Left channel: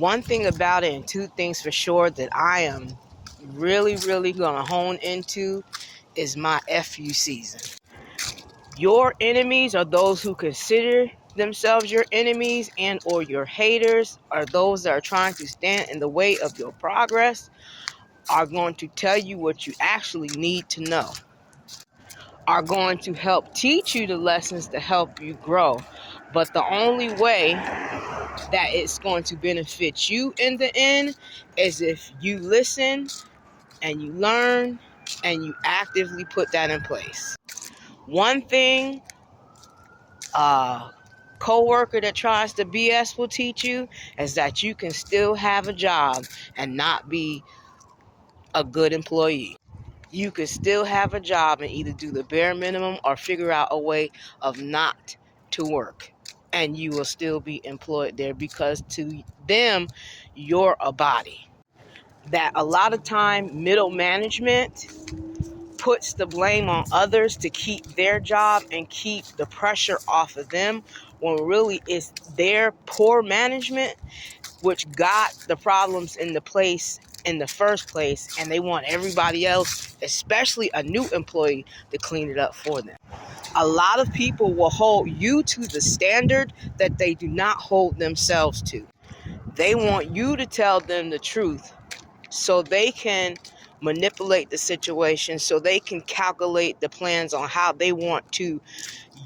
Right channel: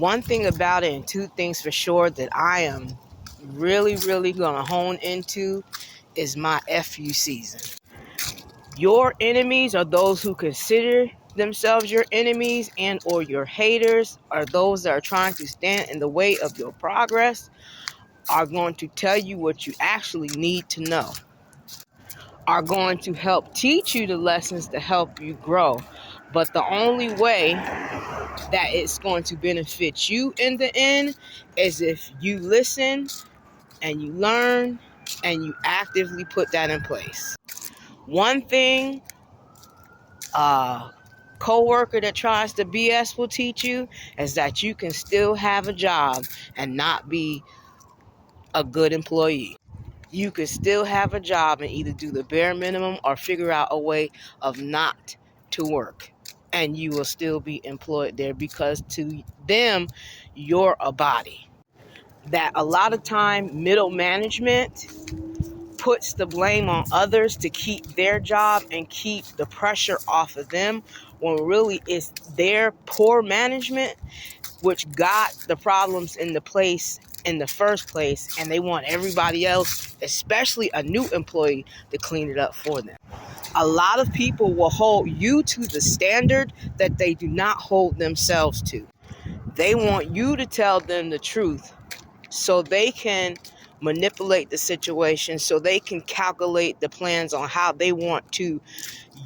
One thing about it, and two things for sure that I am really going to hone into, is my FU season. Your enemies are those who consider themselves your enemies and or your haters, are those that are trying to stand in the way of your progress, are going to tell you what you actually need to know, are going to help teach you the lessons to help you grow. But the only way that it's going to benefit you in the end is if you listen and you learn and you actively put that in place. One thing a coworker that tries to BS will teach you is that you can still have a job and not be a good employee. You can still have a job and either do the bare minimum or figure out a way of not to work, and you will still be employed there, because to them, you're a body. That a lot of time middle management puts the blame on others to keep their job and keep the pressure off of them, when really it's their poor management which got the problems in the place in the first place, and they want everybody else, especially a new employee, to clean it up for them. A lot of people will hold you to the standard that they do not hold themselves to. They want you to tell them the truth so they can manipulate the situation, so they can calculate the plans on how they want to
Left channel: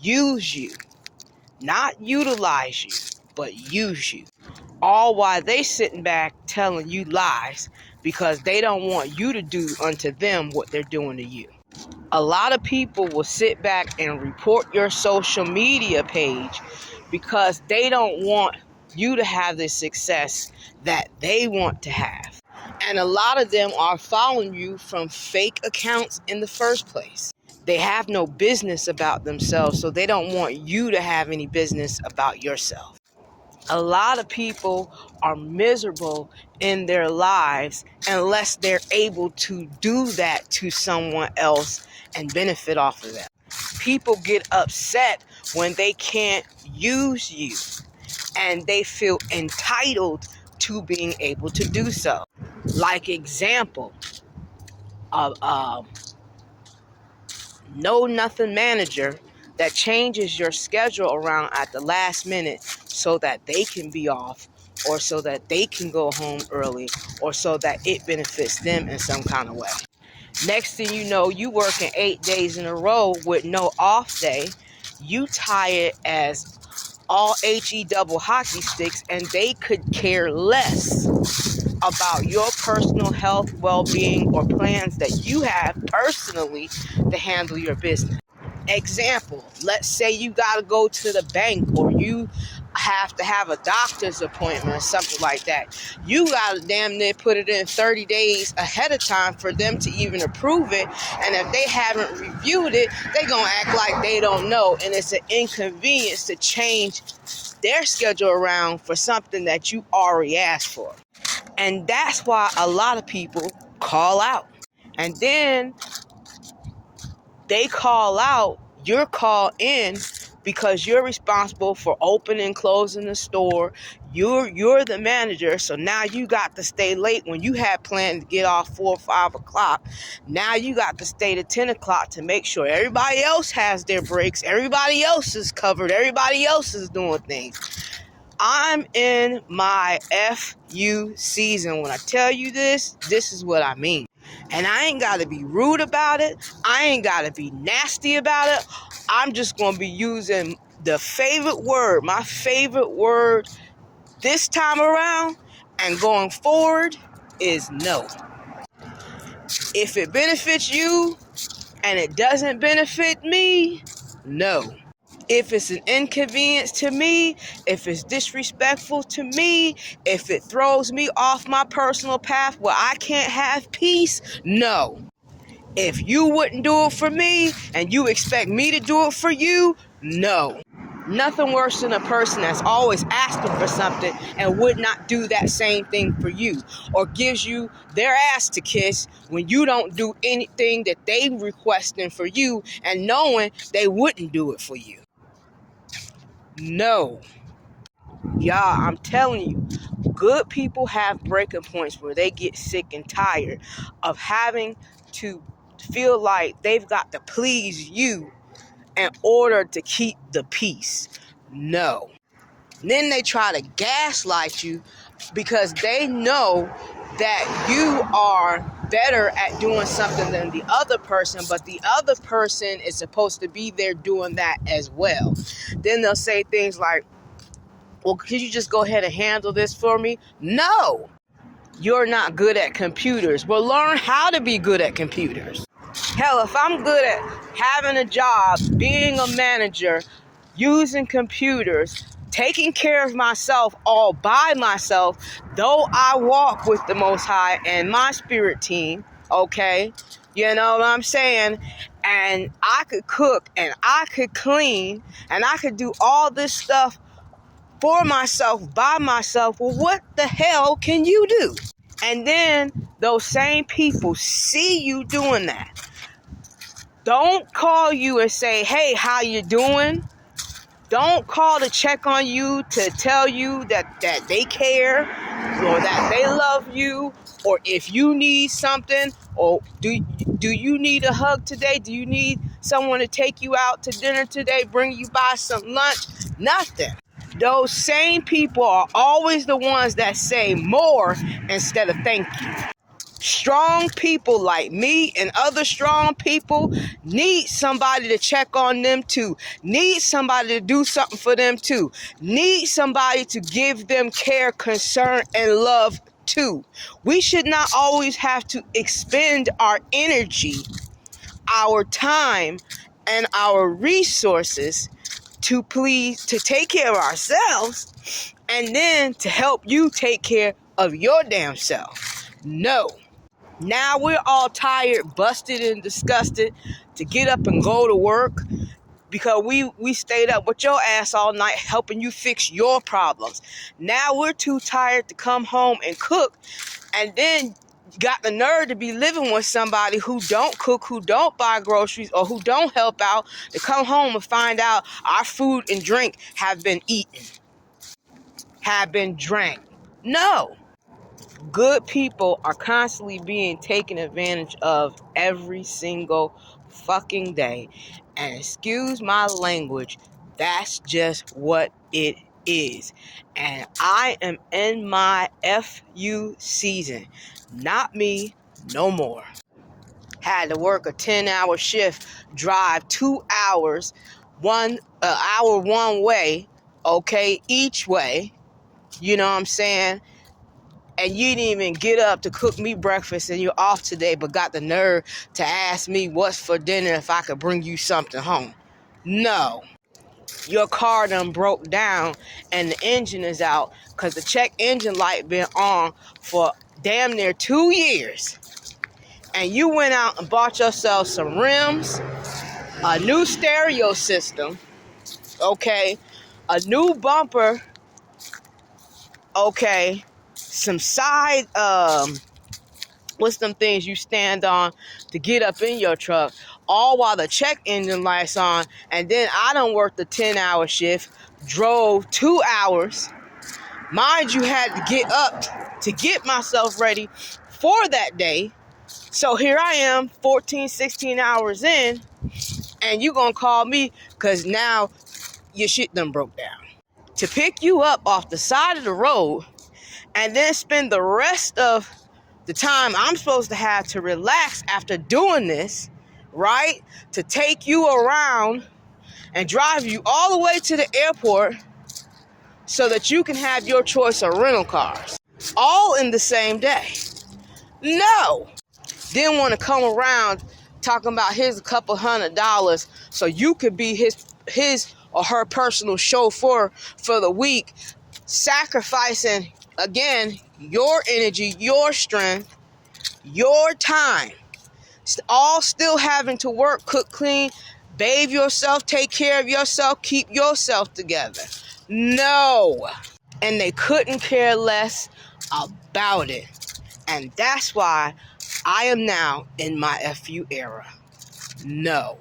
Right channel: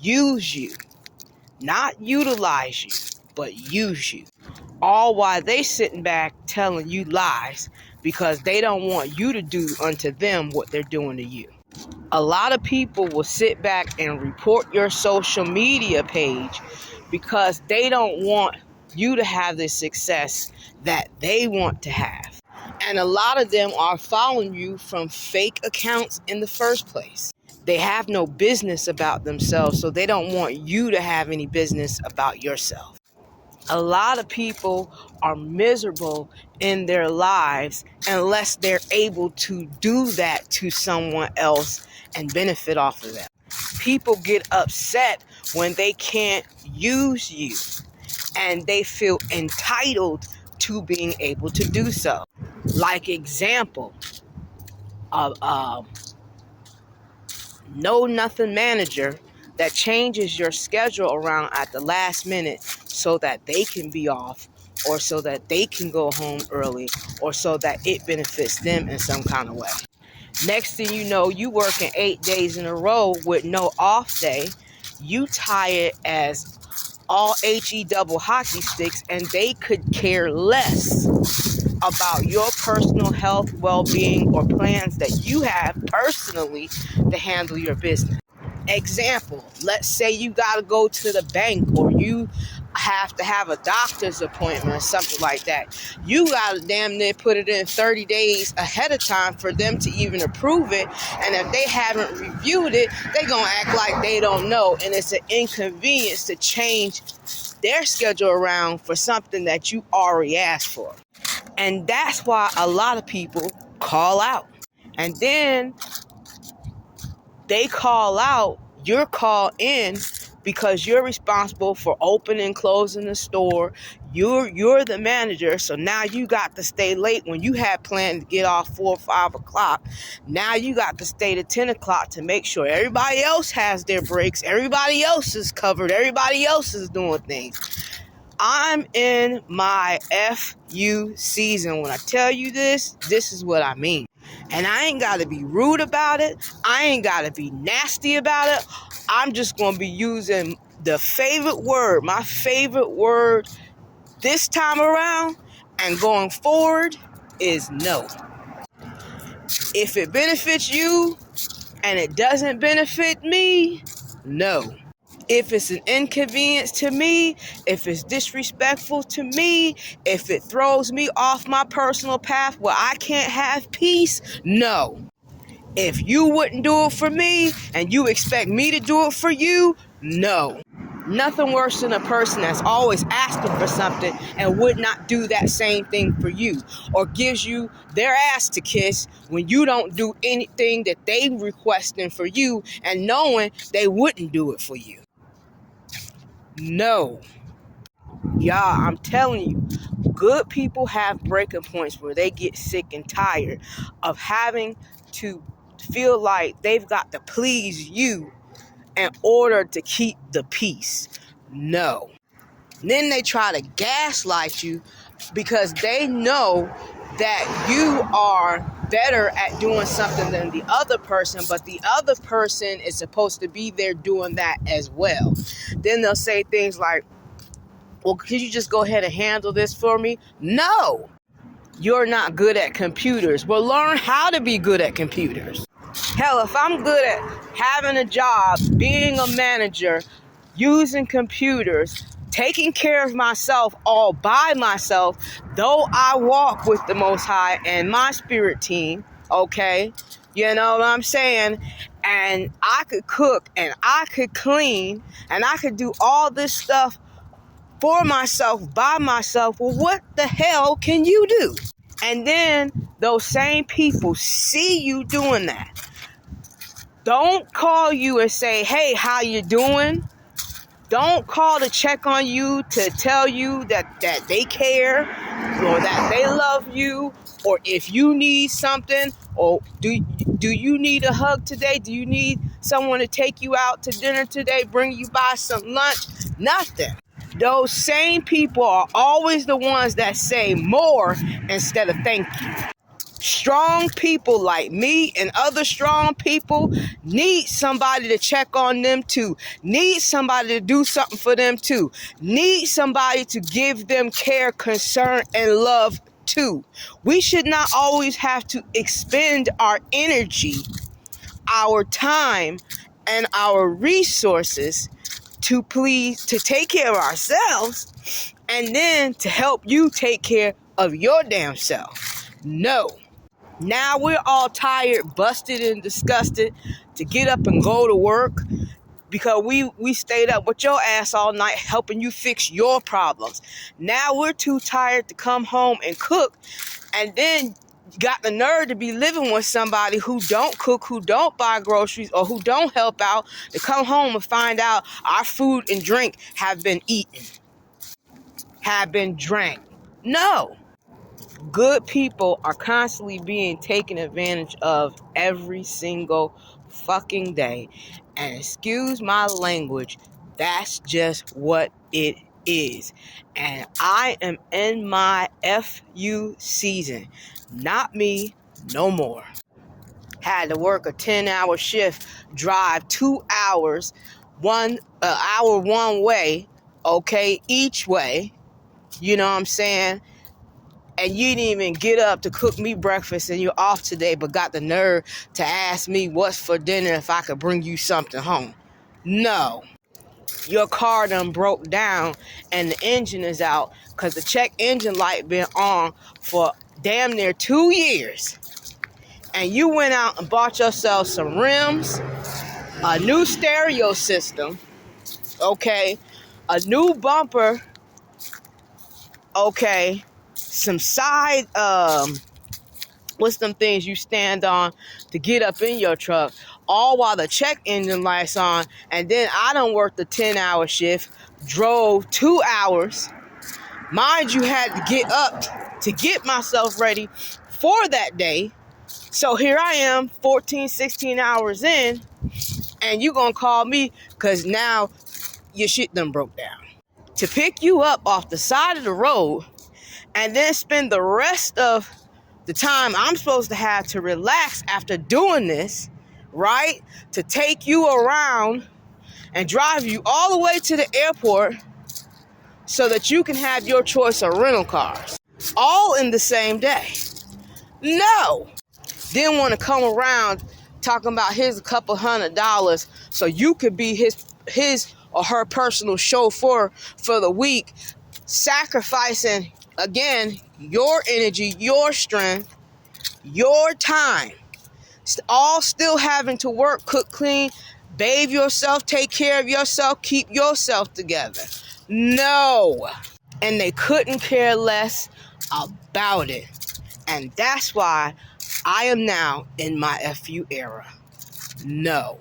use you. Not utilize you, but use you. All while they sitting back telling you lies because they don't want you to do unto them what they're doing to you. A lot of people will sit back and report your social media page because they don't want you to have the success that they want to have. And a lot of them are following you from fake accounts in the first place. They have no business about themselves, so they don't want you to have any business about yourself. A lot of people are miserable in their lives unless they're able to do that to someone else and benefit off of that. People get upset when they can't use you, and they feel entitled to being able to do so. Like example of know nothing manager that changes your schedule around at the last minute so that they can be off, or so that they can go home early, or so that it benefits them in some kind of way. Next thing you know, you working 8 days in a row with no off day. You tie it as all HE double hockey sticks, and they could care less about your personal health, well-being, or plans that you have personally to handle your business. Example, let's say you got to go to the bank, or you have to have a doctor's appointment or something like that. You got to damn near put it in 30 days ahead of time for them to even approve it. And if they haven't reviewed it, they're going to act like they don't know. And it's an inconvenience to change their schedule around for something that you already asked for. And that's why a lot of people call out. And then they call out, you're called in because you're responsible for opening and closing the store. You're the manager, so now you got to stay late when you had planned to get off 4 or 5 o'clock. Now you got to stay to 10 o'clock to make sure everybody else has their breaks, everybody else is covered, everybody else is doing things. I'm in my FU season. When I tell you this is what I mean. And I ain't got to be rude about it. I ain't got to be nasty about it. I'm just going to be using the favorite word. My favorite word this time around and going forward is no. If it benefits you and it doesn't benefit me, no. If it's an inconvenience to me, if it's disrespectful to me, if it throws me off my personal path where I can't have peace, no. If you wouldn't do it for me and you expect me to do it for you, no. Nothing worse than a person that's always asking for something and would not do that same thing for you, or gives you their ass to kiss when you don't do anything that they requesting for you and knowing they wouldn't do it for you. No. Y'all, I'm telling you, good people have breaking points where they get sick and tired of having to feel like they've got to please you in order to keep the peace. No. Then they try to gaslight you because they know that you are better at doing something than the other person, but the other person is supposed to be there doing that as well. Then they'll say things like, well, could you just go ahead and handle this for me? No, you're not good at computers. Well, learn how to be good at computers. Hell, if I'm good at having a job, being a manager, using computers, taking care of myself all by myself, though I walk with the Most High and my spirit team, okay? You know what I'm saying? And I could cook and I could clean and I could do all this stuff for myself, by myself. Well, what the hell can you do? And then those same people see you doing that. Don't call you and say, hey, how you doing? Don't call to check on you to tell you that they care or that they love you, or if you need something, or do you need a hug today? Do you need someone to take you out to dinner today, bring you by some lunch? Nothing. Those same people are always the ones that say more instead of thank you. Strong people like me and other strong people need somebody to check on them too. Need somebody to do something for them too. Need somebody to give them care, concern, and love too. We should not always have to expend our energy, our time, and our resources to take care of ourselves and then to help you take care of your damn self. No. Now we're all tired, busted, and disgusted to get up and go to work because we stayed up with your ass all night helping you fix your problems. Now we're too tired to come home and cook, and then got the nerve to be living with somebody who don't cook, who don't buy groceries, or who don't help out, to come home and find out our food and drink have been eaten, have been drank. No. Good people are constantly being taken advantage of every single fucking day. And excuse my language, that's just what it is. And I am in my FU season. Not me, no more. Had to work a 10-hour shift, drive 2 hours, 1 hour one way, okay, each way. You know what I'm saying? And you didn't even get up to cook me breakfast and you're off today, but got the nerve to ask me what's for dinner if I could bring you something home. No. Your car done broke down and the engine is out because the check engine light been on for damn near 2 years. And you went out and bought yourself some rims, a new stereo system, okay, a new bumper, okay, some side, what's them things you stand on to get up in your truck, all while the check engine light's on, and then I done worked a 10-hour shift, drove 2 hours. Mind you, had to get up to get myself ready for that day. So here I am, 14, 16 hours in, and you gonna call me because now your shit done broke down. To pick you up off the side of the road and then spend the rest of the time I'm supposed to have to relax after doing this, right? To take you around and drive you all the way to the airport so that you can have your choice of rental cars. All in the same day. No. Then want to come around talking about here's a couple $100 so you could be his or her personal chauffeur for the week, sacrificing, again, your energy, your strength, your time, all still having to work, cook, clean, bathe yourself, take care of yourself, keep yourself together. No. And they couldn't care less about it. And that's why I am now in my FU era. No.